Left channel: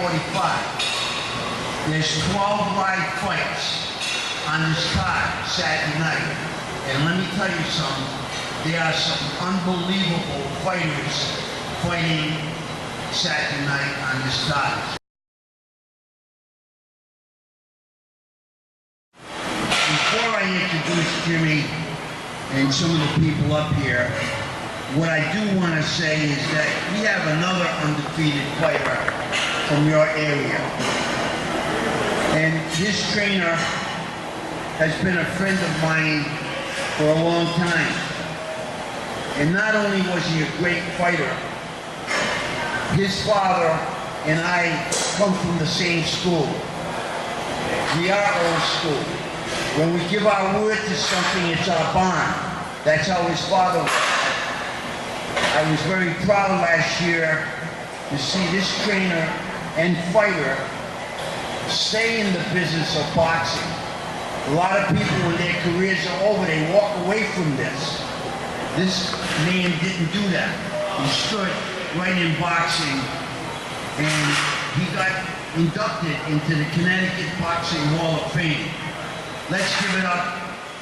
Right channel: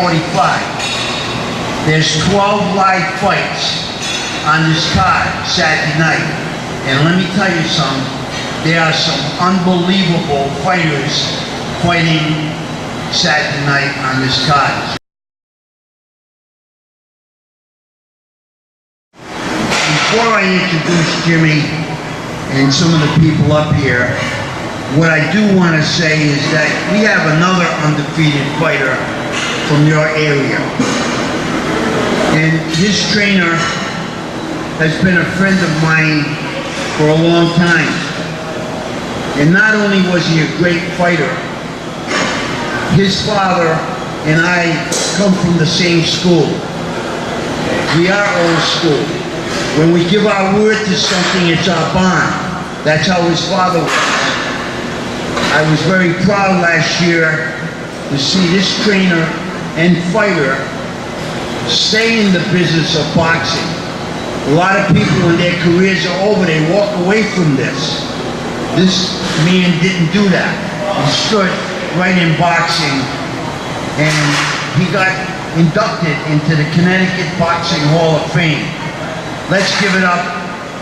45. There's 12 live fights on this card Saturday night. And let me tell you something, there are some unbelievable fighters fighting Saturday night on this card. Before I introduce Jimmy and some of the people up here, what I do want to say is that we have another undefeated fighter from your area. And his trainer has been a friend of mine for a long time. And not only was he a great fighter, his father and I come from the same school. We are old school. When we give our word to something, it's our bond. That's how his father was. I was very proud last year to see this trainer and fighter stay in the business of boxing. A lot of people, when their careers are over, they walk away from this. This man didn't do that. He stood right in boxing, and he got inducted into the Connecticut Boxing Hall of Fame. Let's give it up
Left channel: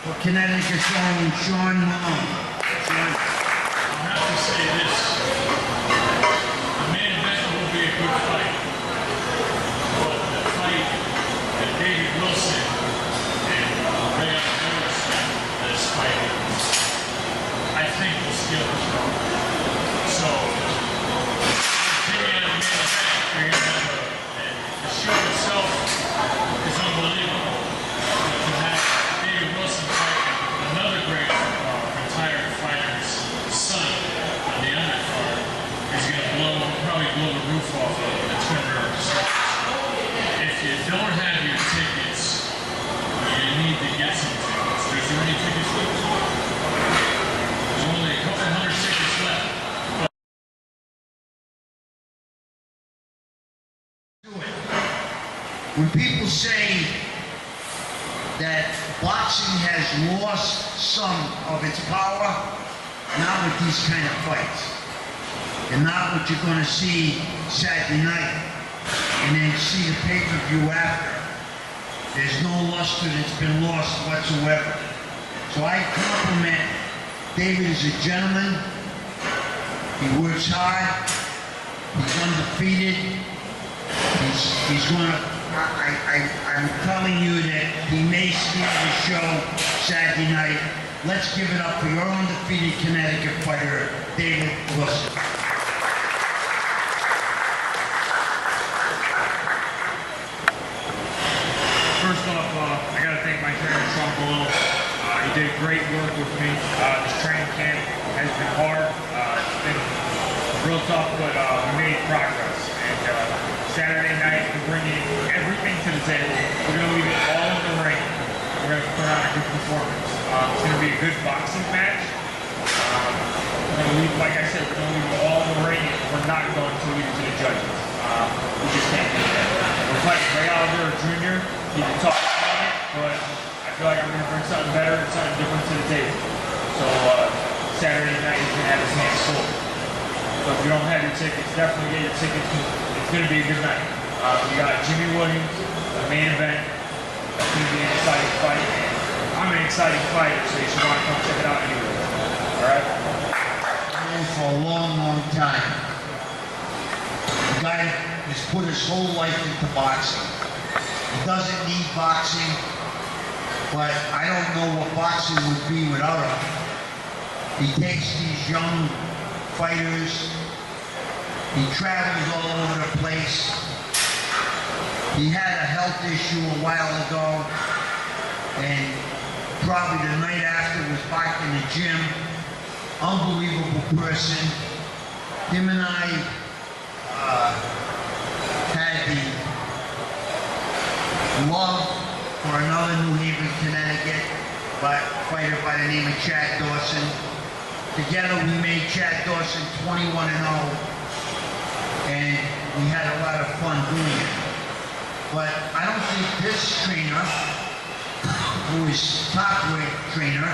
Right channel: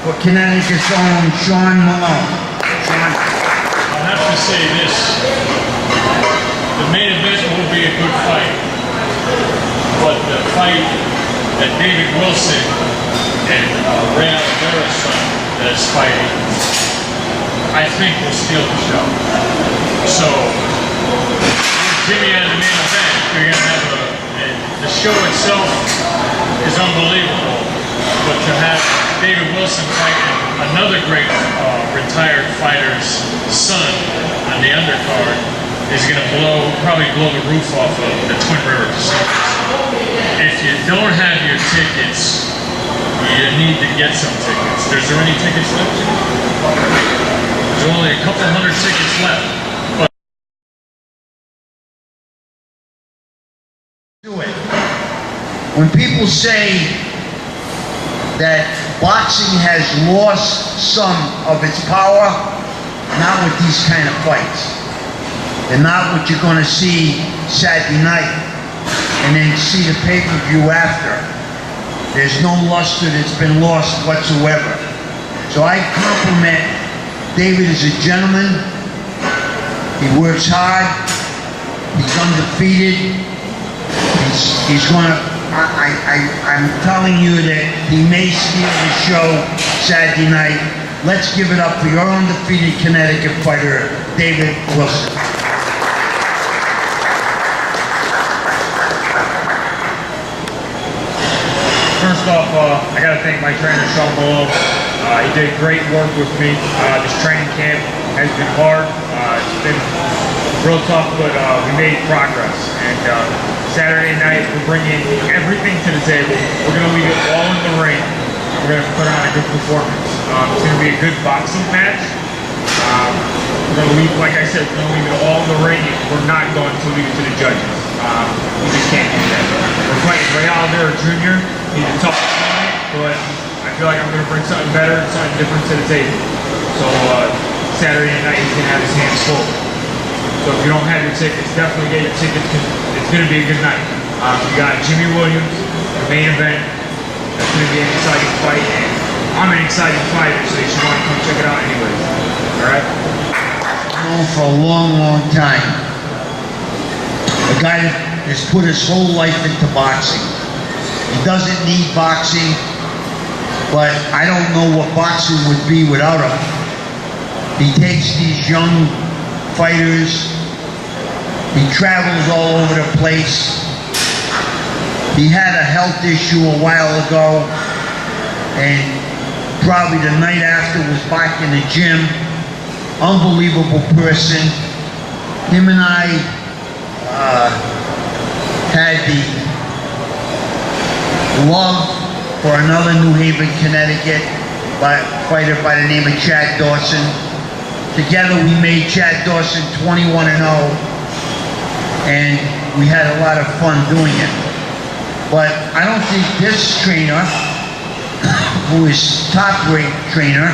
for Connecticut's own Sean Malone. Sean. I'll have to say this. The main event will be a good fight. But the fight that David Wilson and Ray Oliveira's son that's fighting, I think will steal the show. So, Jimmy on the main event, you're going to have the show itself is unbelievable. But to have David Wilson fighting another great retired fighter's son on the undercard is going to probably blow the roof off of the Twin River casinos. If you don't have your tickets, you need to get some tickets. Is there any tickets left? There's only a couple hundred tickets left. But do it. When people say that boxing has lost some of its power, not with these kind of fights. And not what you're going to see Saturday night, and then see the pay-per-view after. There's no luster that's been lost whatsoever. So I compliment David as a gentleman. He works hard. He's undefeated. He's going to, I'm telling you that he may steal the show Saturday night. Let's give it up for your undefeated Connecticut fighter, David Wilson. first off, I got to thank my trainer, Sean Malone. He did great work with me. This training camp has been hard. It's been real tough, but we made progress. And Saturday night, we're bringing everything to the table. We're going to leave it all in the ring. We're going to put on a good performance. It's going to be a good boxing match. We're going to leave, like I said, we're going to leave it all in the ring. We're not going to leave it to the judges. We just can't do that. We're fighting Juan Rodriguez Jr. He's a tough opponent, but I feel like I'm going to bring something better, something different to the table. So Saturday night, he's going to have his hands full. So if you don't have your tickets, definitely get your tickets because it's going to be a good night. We got Jimmy Williams, the main event. That's going to be an exciting fight, and I'm an exciting fighter, so you should want to come check it out anyways. All right? For a long, long time. A guy that has put his whole life into boxing. He doesn't need boxing, but I don't know what boxing would be without him. He takes these young fighters, he travels all over the place. He had a health issue a while ago, and probably the night after was back in the gym. Unbelievable person. Him and I had the love for another New Haven, Connecticut fighter by the name of Chad Dawson. Together we made Chad Dawson 21-0, and we had a lot of fun doing it. But I don't think this trainer, who is top-rate trainer,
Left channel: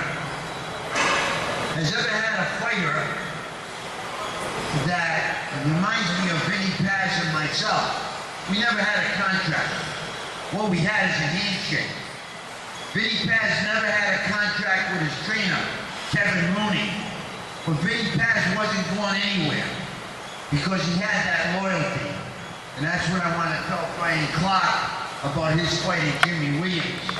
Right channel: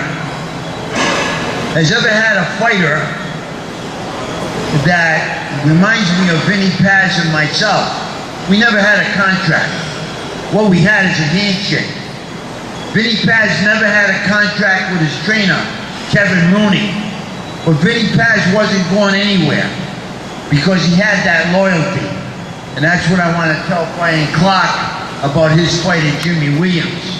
has ever had a fighter that reminds me of Vinny Paz and myself. we never had a contract. What we had is a handshake. Vinny Paz never had a contract with his trainer, Kevin Rooney. But Vinny Paz wasn't going anywhere because he had that loyalty. And that's what I want to tell Brian Clark about his fight at Jimmy Williams.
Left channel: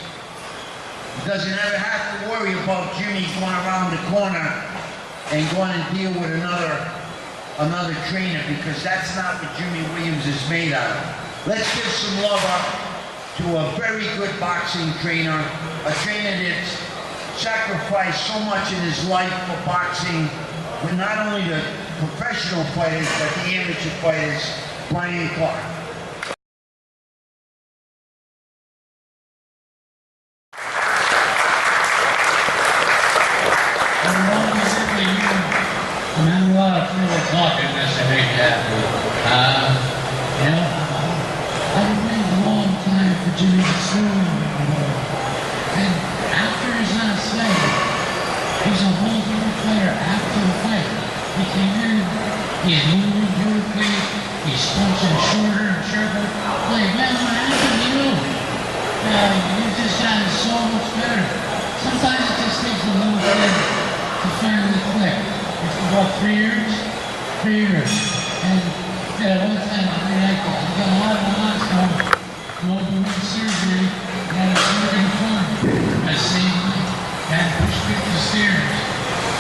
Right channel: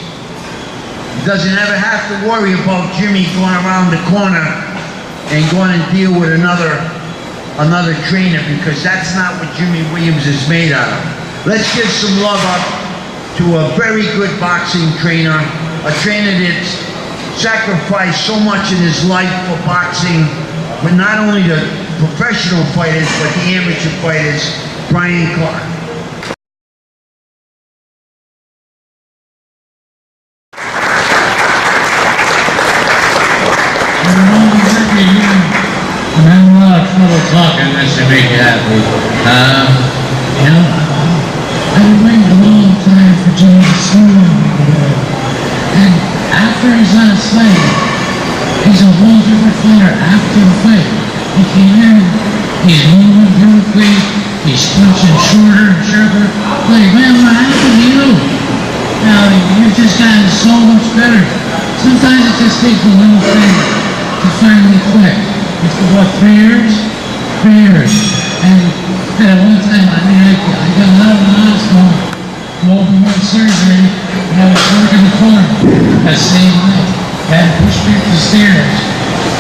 He doesn't ever have to worry about Jimmy going around the corner and going and deal with another trainer, because that's not what Jimmy Williams is made out of. Let's give some love up to a very good boxing trainer, a trainer that's sacrificed so much in his life for boxing, with not only the professional fighters, but the amateur fighters, Brian Clark. I'm having a lot of trouble talking this to make you happy. You know, I've been waiting a long time for Jimmy to sue on me today. And after his last fight, he's a whole different fighter after the fight. He came in, he's moving beautifully, he's punching shorter and sharper. Like, man, what happened to you? Now, you've just gotten so much better. Sometimes it just takes a little thing to finally click. It's for what, 3 years? 3 years. And at one time, I mean, I got out of the hospital, open heart surgery, and I was working the corner that same night. They had to push me up the stairs.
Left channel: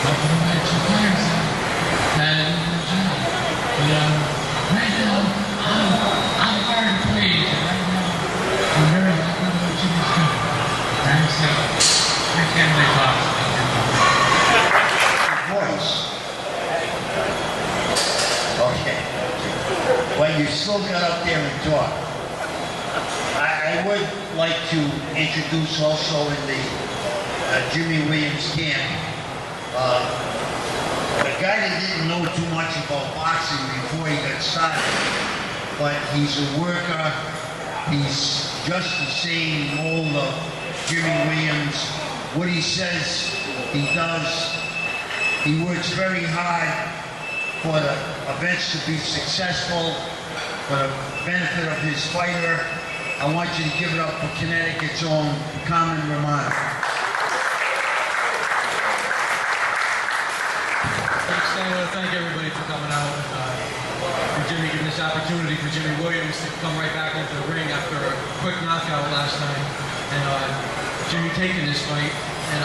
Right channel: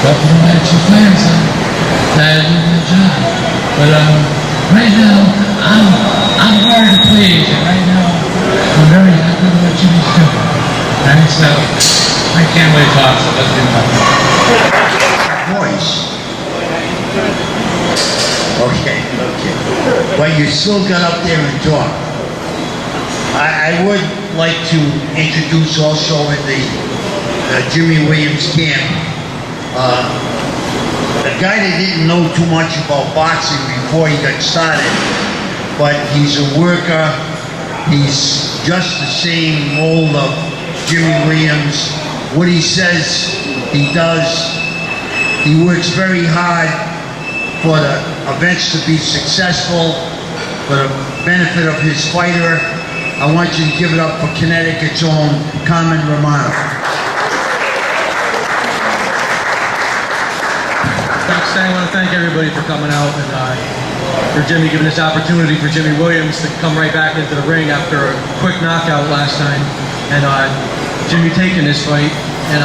But you know, I had 2 fighters on that did the job. But right now, I'm hard to please, and right now, I'm very happy with what Jimmy's doing. Right, so I can't wait to talk, so let's do that. Voice. Okay. But you still got up there and talk. I would like to introduce also in the Jimmy Williams camp a guy that didn't know too much about boxing before he got started, but he's a worker. He's just the same mold of Jimmy Williams. What he says, he does. He works very hard for the events to be successful, for the benefit of his fighter. I want you to give it up for Connecticut's own Carmen Romano. Thanks, I want to thank everybody for coming out and for Jimmy giving this opportunity for Jimmy Williams to come right back into the ring after a quick knockout last time, and Jimmy taking this fight, and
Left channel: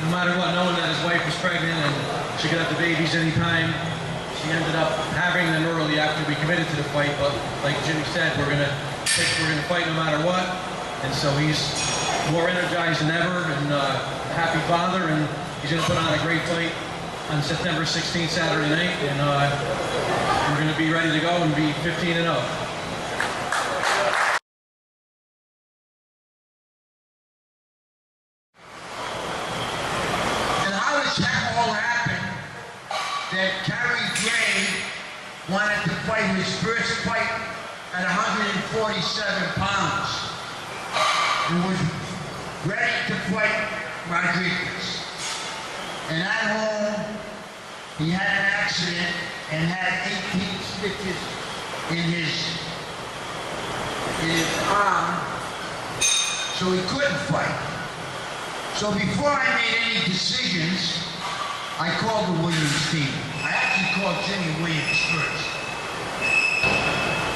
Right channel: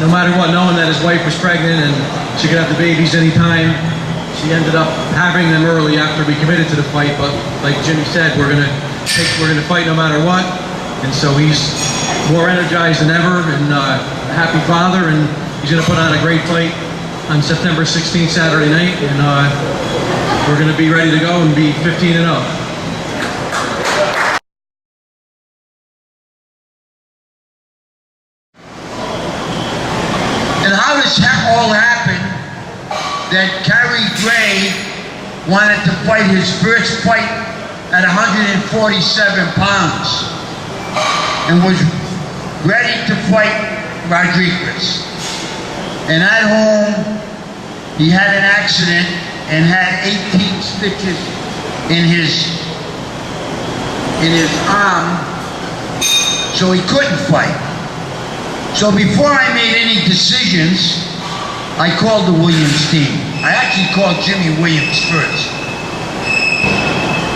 no matter what, knowing that his wife was pregnant and she could have the babies anytime, she ended up having them early after we committed to the fight. But like Jimmy said, we're gonna fight no matter what, and so he's more energized than ever and a happy father, and he's gonna put on a great fight on September 16th, Saturday night, and we're gonna be ready to go and be 15-0. And how does that all happen that Kerry Gray wanted to fight his first fight at 147 pounds and was ready to fight Rodriguez. And at home, he had an accident and had 18 stitches in his arm, so he couldn't fight. So before I made any decisions, I called the Williams team. I actually called Jimmy Williams first.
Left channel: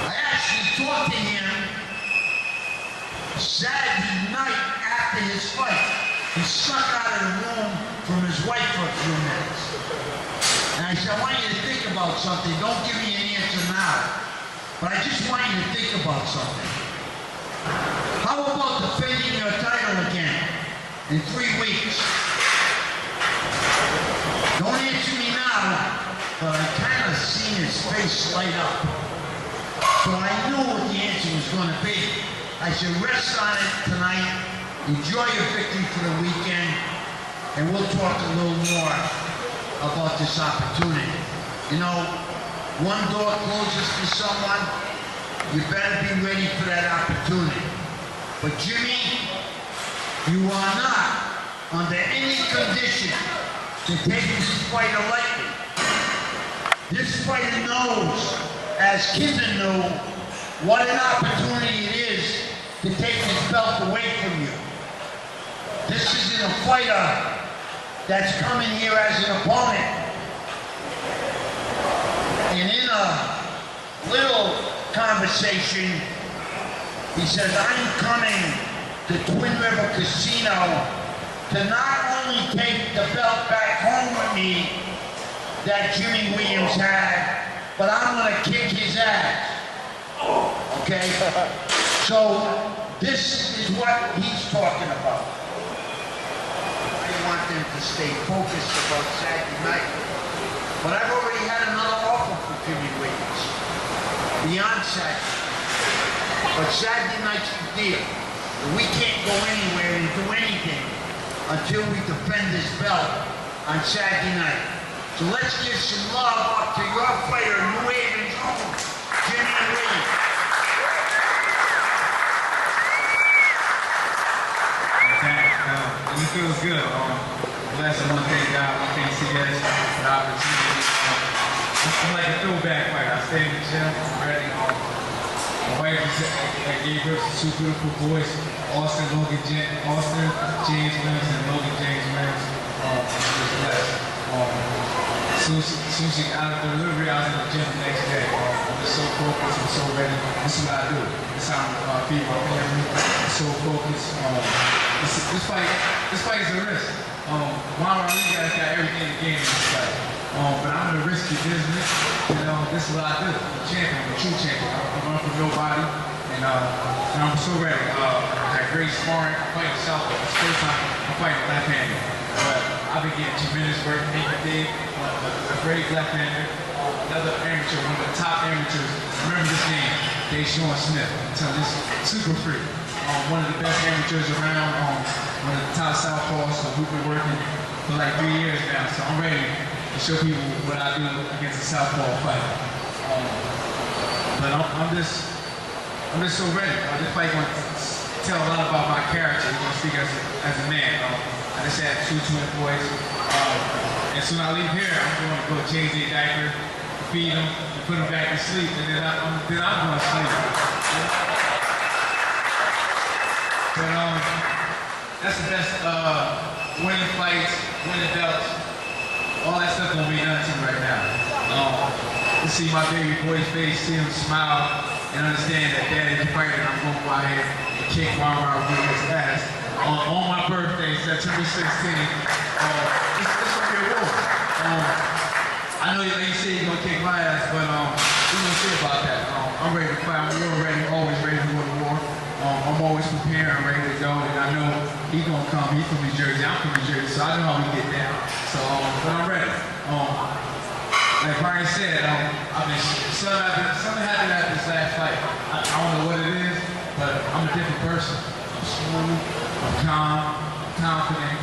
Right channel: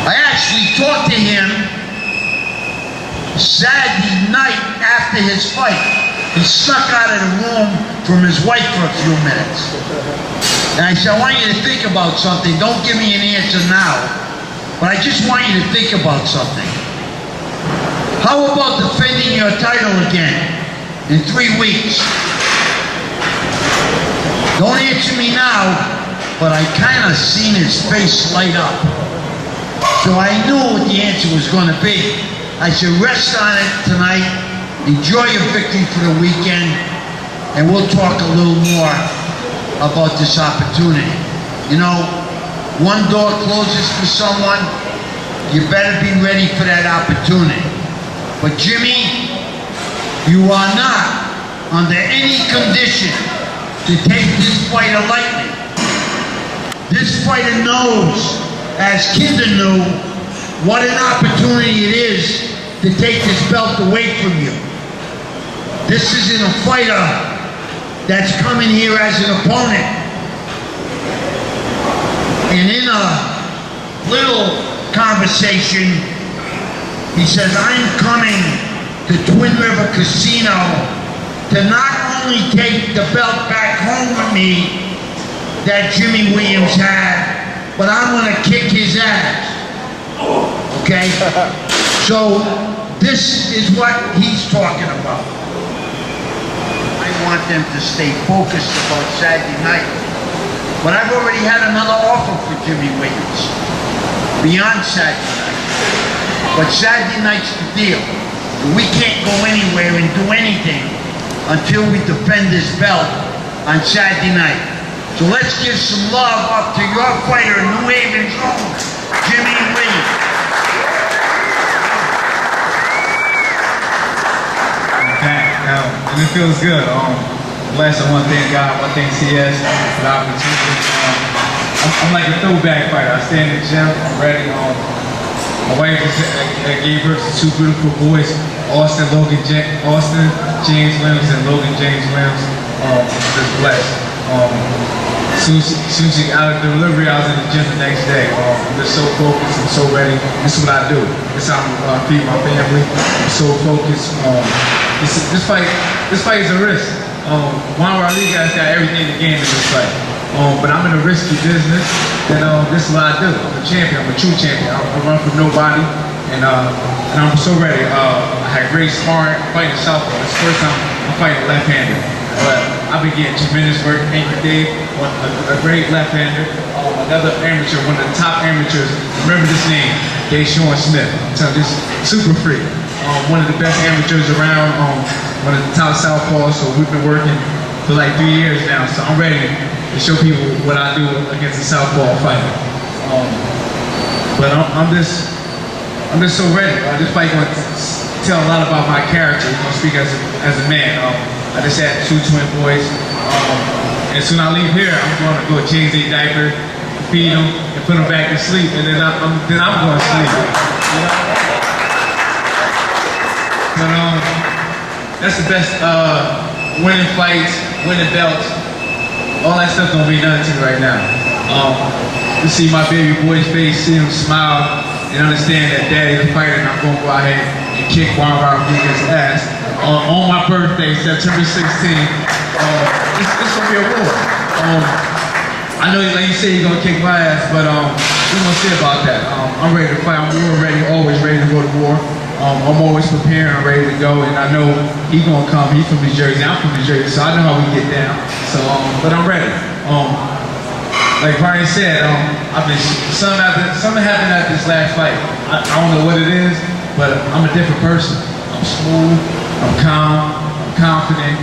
I actually talked to him Saturday night after his fight. He snuck out of the room from his wife for a few minutes. And I said, I want you to think about something. Don't give me an answer now, but I just want you to think about something. How about defending your title again in 3 weeks? Don't answer me now, but I kind of seen his face light up. So I knew what the answer was going to be. I said, rest on it tonight, enjoy your victory for the weekend, and we'll talk a little more about this opportunity. You know, one door closes for someone, you better be ready for that opportunity. But Jimmy, you are not under any condition to take this fighter lightly. This fighter knows, as Kinda knew, what an opportunity it is to take this belt away from you. This isn't a fighter that's coming here as an opponent. And in a little conversation, he says, I'm coming to Twin River Casino to not only take the belt back home with me that Jimmy Williams had, but I'm gonna kick his ass. Okay? So this is what he's talking about. I want them to stay focused about Saturday night. But I've already had another offer for Jimmy Williams beyond Saturday night. But Saturday night's the deal. We can't go anywhere and do anything until we defend this belt on Saturday night. So let's give some love up to your fighter, New Haven's own, Jimmy Williams. And it feels good. Blessed. I want to thank God. I want to thank CES for the opportunity. I'm like a throwback fighter. I stay in the gym. I'm ready. My wife gave birth to two beautiful boys, Austin James Williams and Logan James Williams. Just blessed. Soon as she out of delivery, I was in the gym the next day. I'm just so focused and so ready. This is what I do. This is how I feed my family. I'm so focused. This fight is a risk. Juan Rodriguez got everything to gain in this fight. But I'm in a risky business, and this is what I do. I'm a champion. I'm a true champion. I run from nobody, and I'm so ready. I had great sparring, fighting southpaw. This is the first time I'm fighting left-handed. But I've been getting tremendous work. Thank you, Dave. A great left-hander. Another amateur, one of the top amateurs. Remember this name, Dave Sean Smith. I'm telling you, this is super free. One of the best amateurs around. One of the top southpaws. So we've been working for like 3 years now. So I'm ready to show people what I do against a southpaw fighter. But I'm just so ready. This fight going to tell a lot about my character. It's going to speak as a man. I just had 2 twin boys. And soon I leave here, I'm going to go change their diaper, feed them, and put them back to sleep. And then I'm going to sleep. You know? But that's the best. Winning fights, winning belts. All that stuff don't mean nothing to me right now. To see my baby boy's face, see him smile, and understand that daddy the fighter, and I'm going to go out here and kick Juan Rodriguez's ass. On my birthday, September 16th, this will be a war. I know, like you said, you're going to kick my ass, but we're going to see about that. I'm ready to fight. I'm war ready, always ready to go to war. I'm always prepared. I'm ready to go, and I know he's going to come. He's from New Jersey. I'm from New Jersey, so I know how we get down. So, but I'm ready. Like Brian said, something happened at this last fight. I don't know what it is, but I'm a different person. I'm smooth. I'm calm, I'm confident,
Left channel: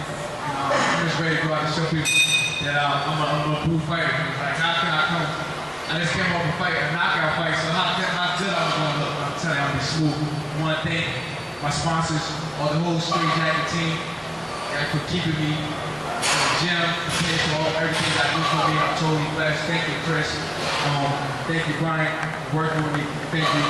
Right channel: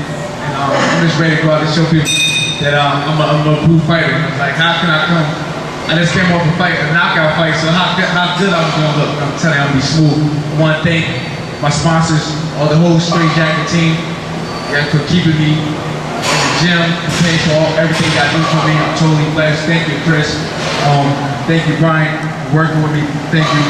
and I'm just ready to go out and show people that I'm a true fighter. And I was like, how can I come? I just came off a knockout fight, so how good I'm going to look. I'm telling you, I'm going to be smooth. I want to thank my sponsors, all the whole Straight Jacket team, for keeping me in the gym, paying for everything you guys do for me. I'm totally blessed. Thank you, Chris. Thank you, Brian, for working with me. Thank you,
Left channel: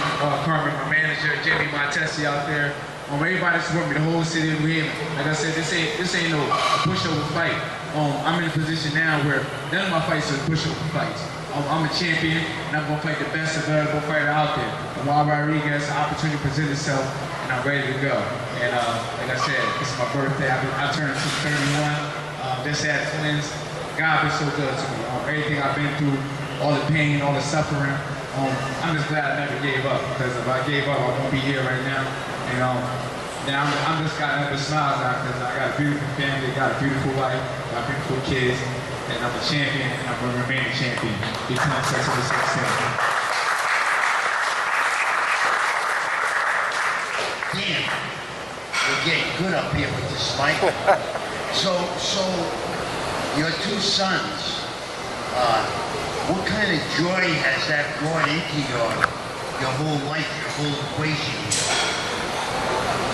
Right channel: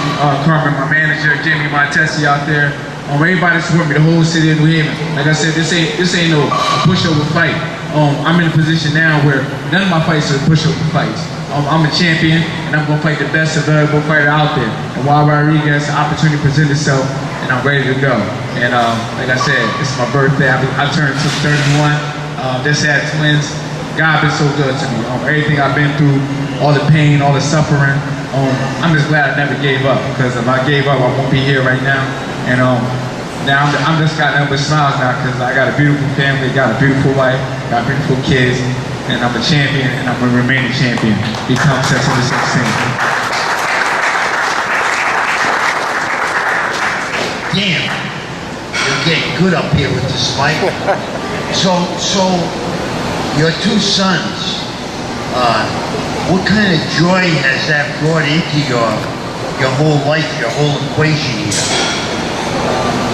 Carmen, my manager, Jamie, my Tessie out there. Everybody support me, the whole city of New Haven. Like I said, this ain't no pushover fight. I'm in a position now where none of my fights are pushover fights. I'm a champion, and I'm gonna fight the best available fighter out there. And Juan Rodriguez, the opportunity presented itself, and I'm ready to go. And like I said, this is my birthday. I turned 31. Just had twins. God been so good to me. Everything I've been through, all the pain, all the suffering. I'm just glad I never gave up, because if I gave up, I won't be here right now. And now I'm just got nothing but smiles now, because I got a beautiful family, got a beautiful wife, got beautiful kids, and I'm a champion, and I'm going to remain a champion. Become September 16th. Damn, you're getting good up here with this fight. So your 2 sons, what kind of joy has that brought into your whole life, your whole equation here?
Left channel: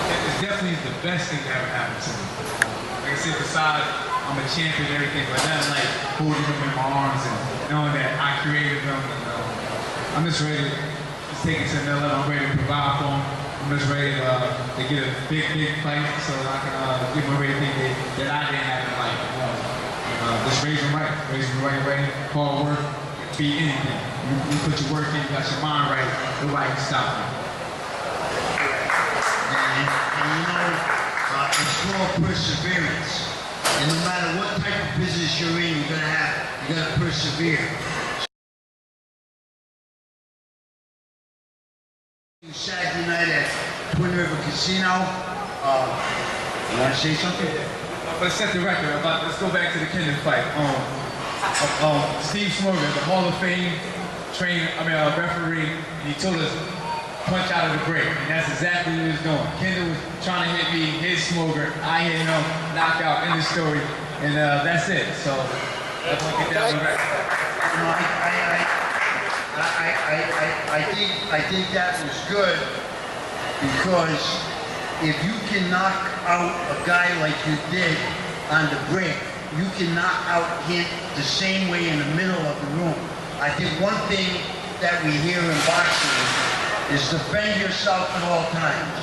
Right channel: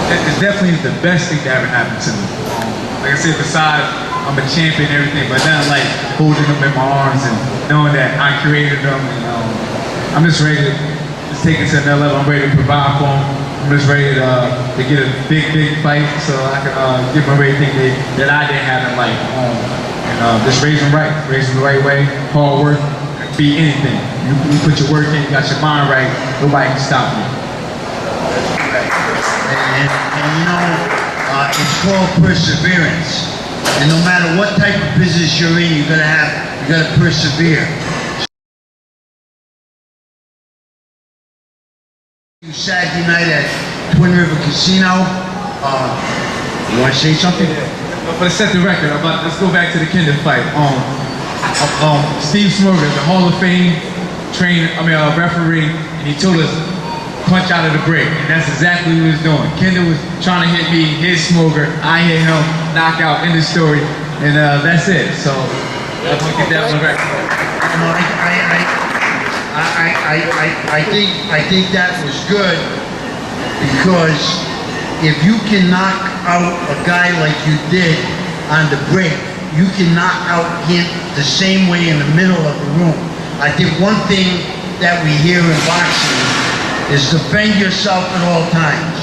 It's definitely the best thing that ever happened to me. Like I said, besides I'm a champion and everything, but not like holding them in my arms and knowing that I created them. And I'm just ready to just take it to another level. I'm ready to provide for him. I'm just ready to get a big fight so I can give him everything that I didn't have in life. And just raise him the right way, hard work, beat anything. You put your work in, you got your mind right, nobody can stop you. That's correct. And you know, it's called perseverance. And no matter what type of business you're in, you gotta persevere. Saturday night at Twin River Casino. You want to say something? But to set the record, let's go back to the Kinda fight. Steve Smorgan, the Hall of Fame referee, and he told us punch out of the break, and that's exactly what he was doing. Kinda was trying to hit me, hit Smorgan, I hit him, knockout, end of story, and that's it. So I want to get that on the record. I think that was good, because if you can knock out a guy like you did on the break, you can knock out him the same way in the middle of the room. I think one thing that we hear in boxing is defend yourself at all times.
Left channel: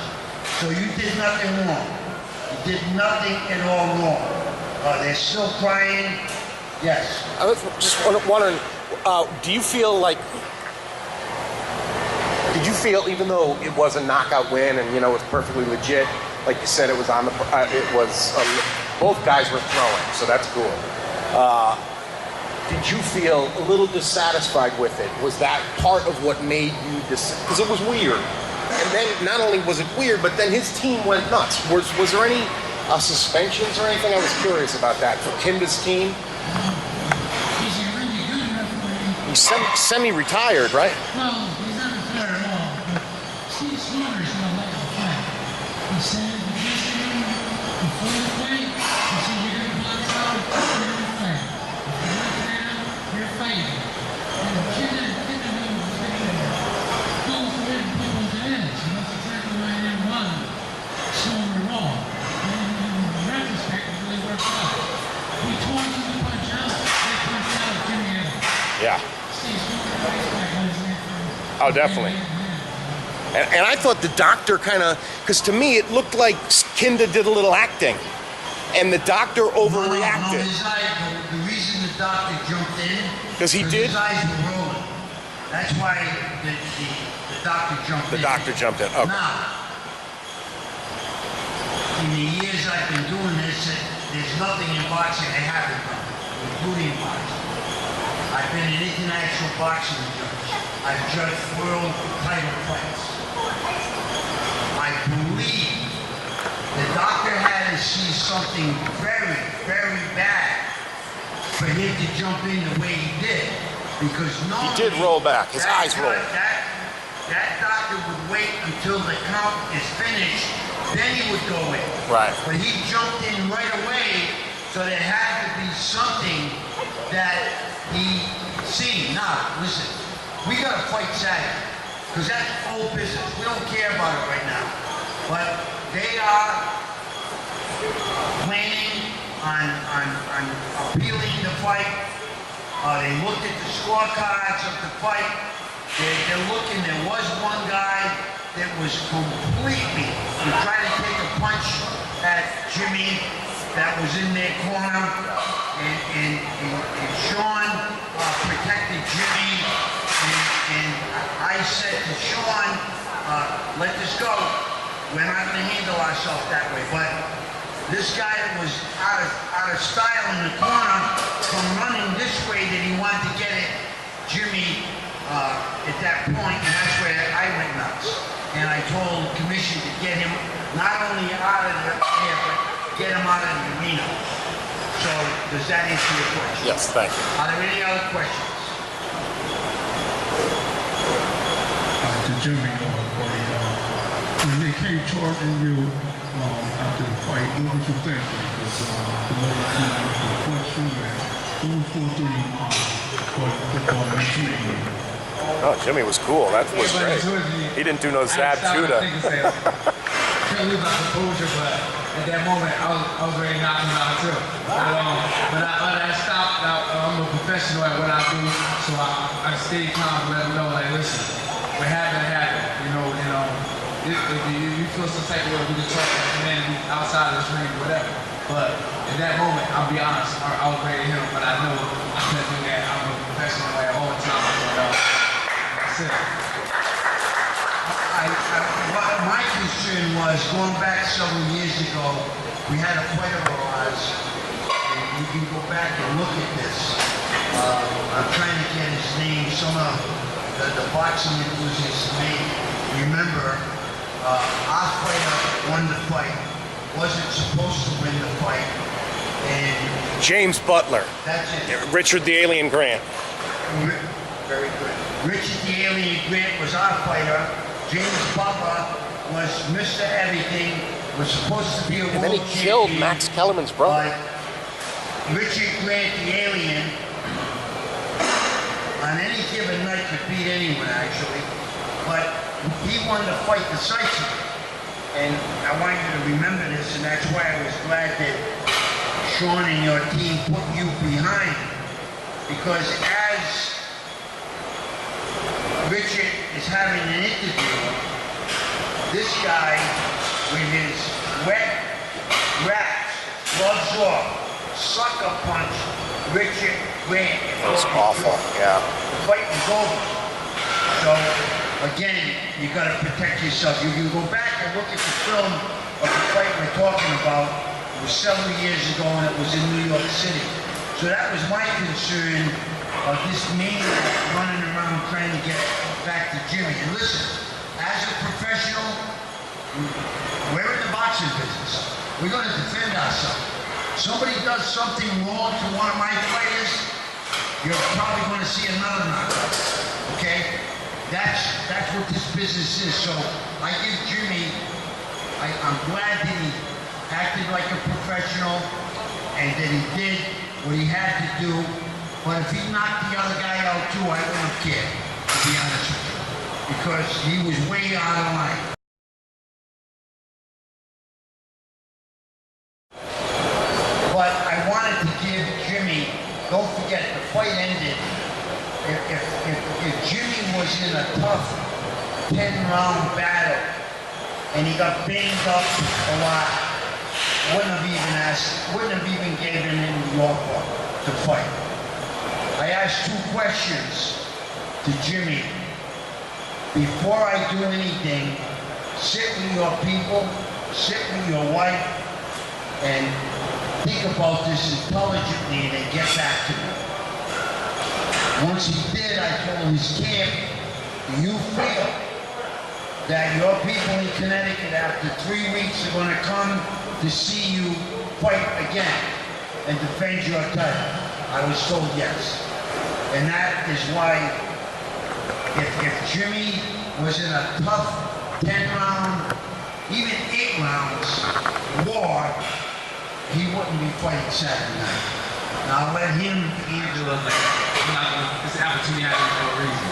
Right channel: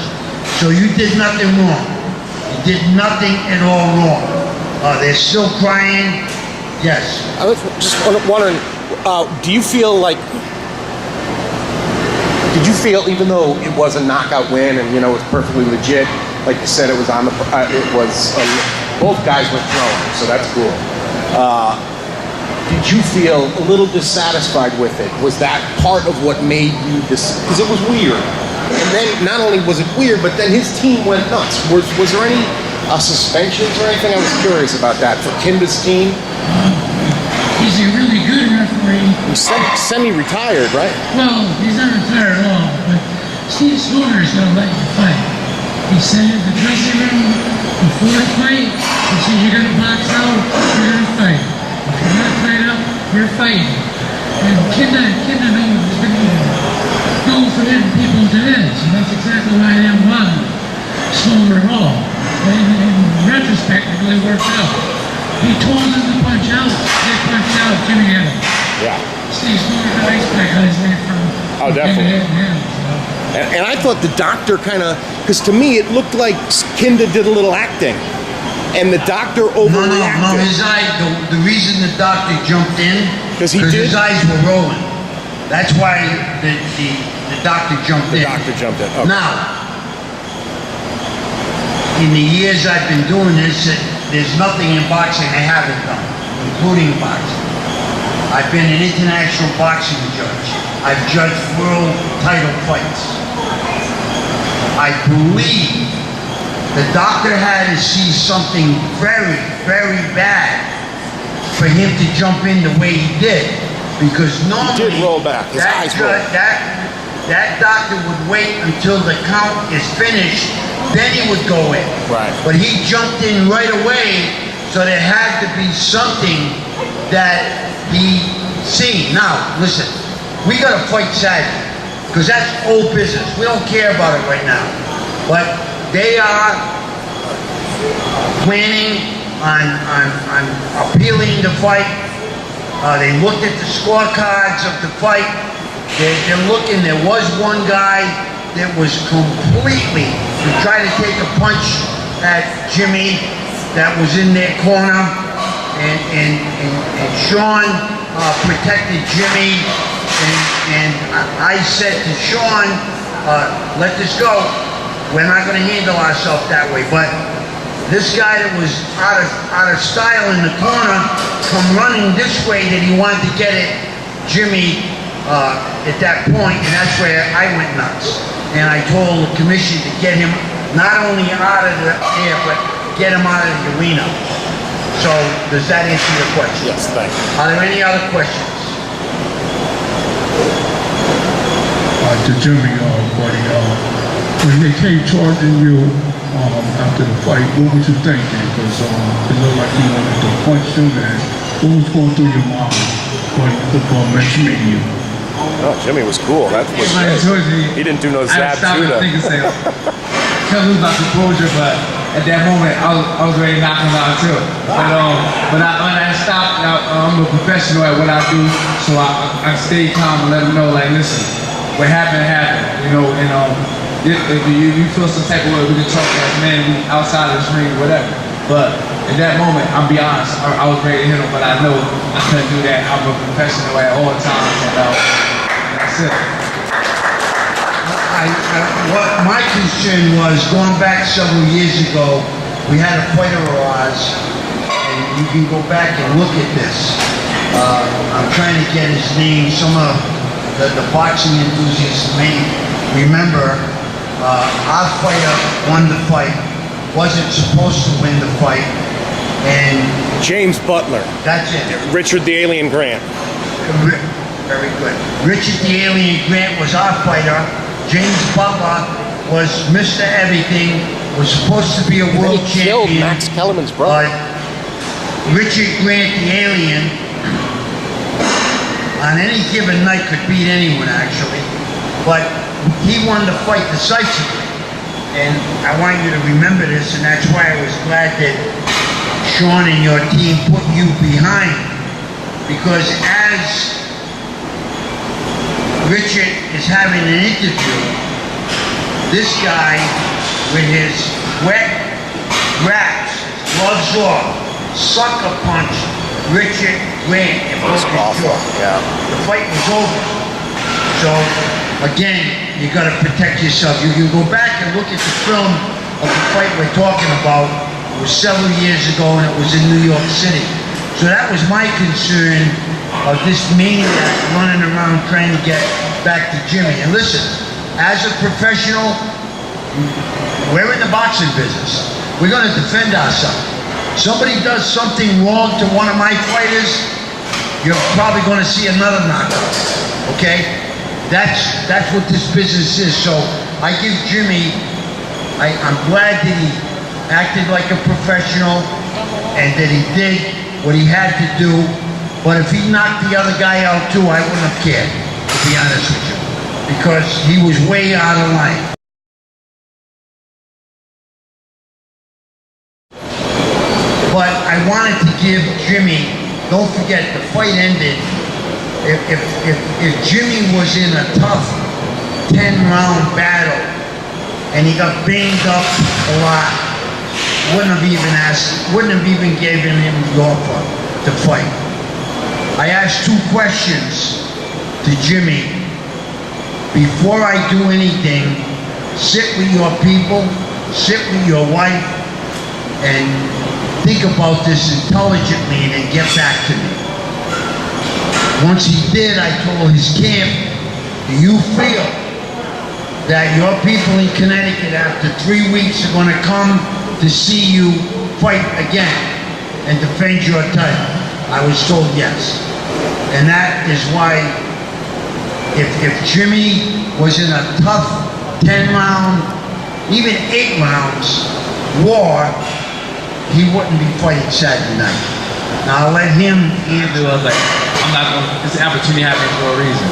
So you did nothing wrong. You did nothing at all wrong. They're still crying. Yes. I was just wondering, do you feel like, did you feel, even though it was a knockout win and, you know, it was perfectly legit, like you said, it was on the, both guys were playing, so that's cool. Did you feel a little dissatisfied with it? Was that part of what made you this? Because it was weird. And then not only was it weird, but then his team went nuts. Was there any suspensions or anything? I was curious about that for Kinda's team. He's a really good referee. He's semi-retired, right? Well, he's not retired at all, but Steve Spooner is going to let you fight. He said in the dressing room before the fight, he said, you're going to box out, you're going to fight. If you're not fight out, you're fighting. And Kinda knows has been known for hitting people to heads, and that's exactly why I didn't want Spooner at all. And in retrospect, it really worked out. He told them to punch out. They punched out. Jimmy hit him. Yeah. Steve Smorgan, the ice pack, got his name from Kinda hitting him. And I thought the doctor kind of, because to me it looked like Kinda did a little acting, and the doctor overreacted. No. His eye. The reason the doctor jumped in because his eyes were rolling. That's why the doctor jumped in. Okay. Now, in the years I've been doing this, there's nothing in boxing I haven't done, including boxing. I've been an international boxing judge. I've judged world title fights. I believe the doctor had to see something very, very bad for him to jump in the way he did. Because normally that doctor would wait until the count is finished, then he would go in. Right. But he jumped in right away, so there had to be something that he seen. Now, listen, we got to fight Saturday, because that's old business. We don't care about it right now. But they are planning on appealing the fight. They looked at the scorecards of the fight. They're looking. There was one guy that was completely to try to take a punch at Jimmy that was in their corner, and Sean protected Jimmy, and I said to Sean, let this go. We're not going to handle ourselves that way. But this guy that was out of style in the corner come running this way that he wanted to get at Jimmy at that point, and that's where I went nuts. And I told the commission to get him not only out of there, but get him out of the arena. So, does that answer your question? Yes, thank you. Are there any other questions? To Jimmy, buddy, when they came charging you after the fight, what was you thinking? Because it looked like you wanted to punch him, and what was going through your mind when mentioning you? Oh, Jimmy was cool. Everybody told me, He didn't do no I had to stop and zaps think and say, can't lose my composure, but at that moment, I was ready to knock him out too. But when I stopped, I'm a professional at what I do, so I stayed calm and let him know, like, listen, what happened, you know, and if you feel some type of way, we can talk as men outside of this ring, whatever. But at that moment, I'll be honest, I was ready to hit him, but I know I couldn't do that. I'm a professional at all times, and that's it. What my concern was, going back several years ago, we had a fighter of ours, and you can go back and look at this. I'm trying to get his name. Some of the boxing enthusiasts may remember our fighter won the fight, wasn't supposed to win the fight, and James Butler. that's it. Richard the Alien Grant. Very good. Richard the Alien Grant was our fighter. James Butler was Mr. Everything, was supposed to be a world champion. Max Kellerman's brother. Richard Grant the Alien, on any given night, could beat anyone actually, but he won the fight decisively. And I want you to remember this, and that's why I was glad that Sean and your team put you behind, because as Richard is having an interview, this guy with his wet wraps, his gloves off, sucker punched Richard Grant and broke his jaw. The fight was over. So again, you got to protect yourself. You can go back and look at the film of the fight we're talking about. It was several years ago, and it was in New York City. So that was my concern of this maniac running around trying to get back to Jimmy. And listen, as a professional, we're in the boxing business. We're going to defend ourselves. Somebody does something wrong to one of my fighters, you're probably going to see another knockout. Okay? That's what this business is. So I give Jimmy, I'm glad that he acted like a professional and that he did what he had to do. But if he knocked the other guy out too, I wouldn't have cared, to be honest with you, because he was way out of line. But I wanted to give Jimmy, don't forget, the fight ended. If Jimmy was in a tough 10-round battle and he got banged up a lot, wouldn't have even given him the offer to fight. I asked two questions to Jimmy. Before I do anything, sit with your people, sit with your wife, and think about this intelligently and then get back to me. Once he did, I told his camp, do you feel that your people in Connecticut after 3 weeks are going to come to see you fight again and defend your title? I was told yes. And that is why if Jimmy was in a tough 10-round, even 8 rounds war, he wouldn't be fighting Saturday night. Now I'll let him answer. I'm not going to, this opportunity happened for a reason.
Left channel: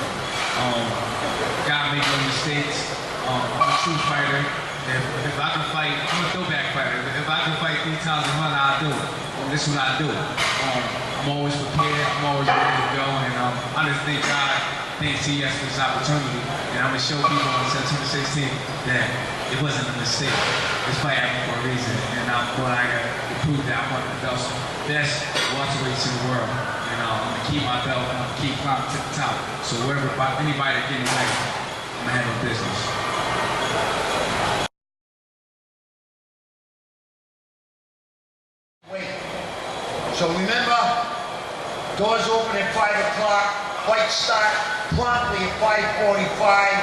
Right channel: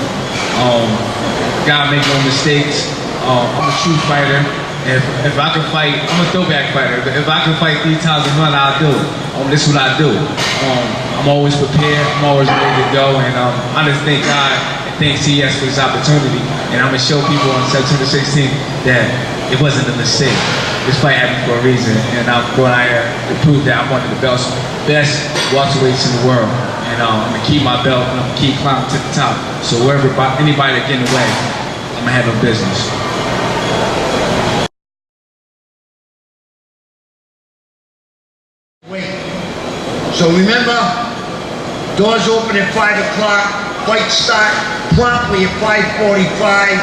Gotta make no mistakes. I'm a true fighter. If I can fight, I'm a throwback fighter. If I can fight 3 times a month, I'll do it. This is what I do. I'm always prepared. I'm always ready to go. And I just thank God and thank CES for this opportunity. And I'm going to show people on September 16th that it wasn't a mistake. This fight happened for a reason. And I'm going out here to prove that I'm one of the best welterweights in the world. And I'm going to keep my belt and I'm going to keep climbing to the top. So wherever anybody that get in the way, I'm going to have a business. So remember, doors open at 5 o'clock, fight start promptly at 5:45.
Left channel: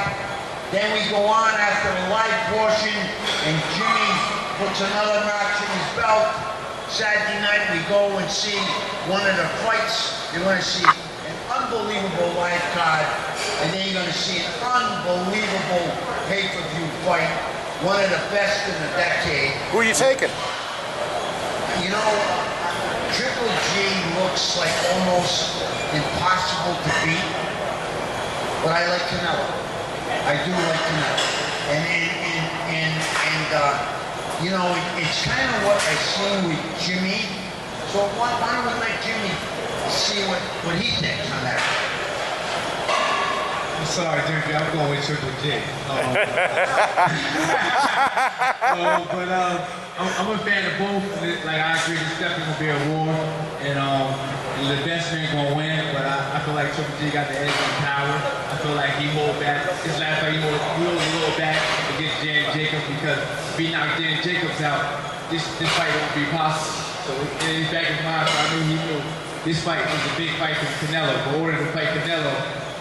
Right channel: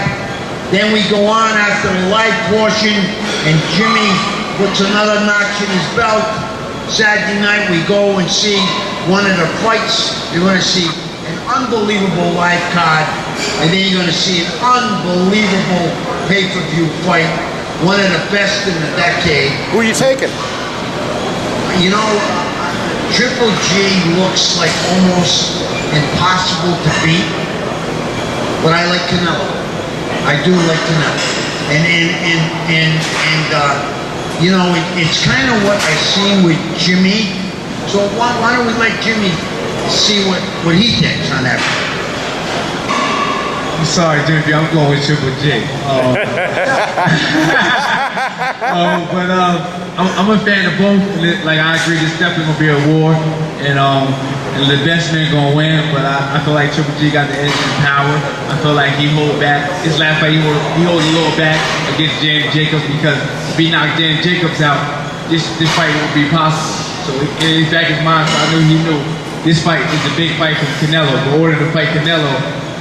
Then we go on after the live portion, and Jimmy puts another notch in his belt. Saturday night we go and see one of the fights. You're going to see an unbelievable live card, and then you're going to see an unbelievable pay-per-view fight. One of the best in the decade. Who are you taking? You know, Triple G looks like almost impossible to beat, but I like Canelo. I do like Canelo. And you know, it's kind of what I've seen with Jimmy. So why don't we let Jimmy see what he thinks on that? I'm sorry, Jimmy. I'm going with Triple J. I'm a fan of both. Like I agree, this definitely gonna be a war, and the best man gonna win. But I feel like Triple G got the edge and power. I feel like he hold back. His last fight, he hold a little back against James Jacobs because if he knocked James Jacobs out, this fight won't be possible. So in his back of his mind, so I knew he knew this fight is a big fight from Canelo. But in order to fight Canelo,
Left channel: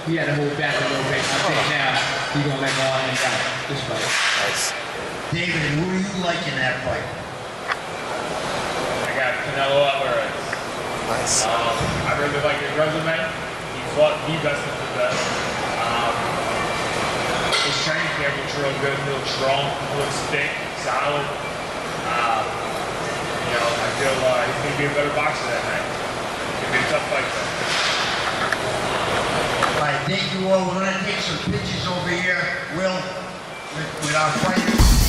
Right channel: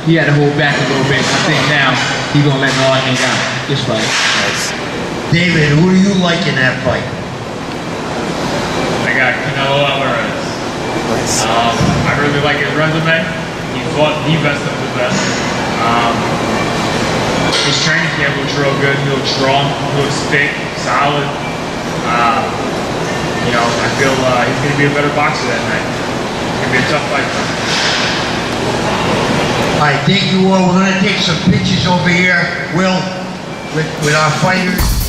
he had to hold back a little bit. I think now he's gonna let it all hang out this fight. David, who do you like in that fight? I got Canelo Alvarez. I really like his resume. He fought the best of the best. His training camp looks real good. He looks strong. He looks thick, solid. You know, I feel he's going to be a better boxer that night. It's going to be a tough fight. All right, thank you all. We're going to take some pictures over here, Will, with our fighters.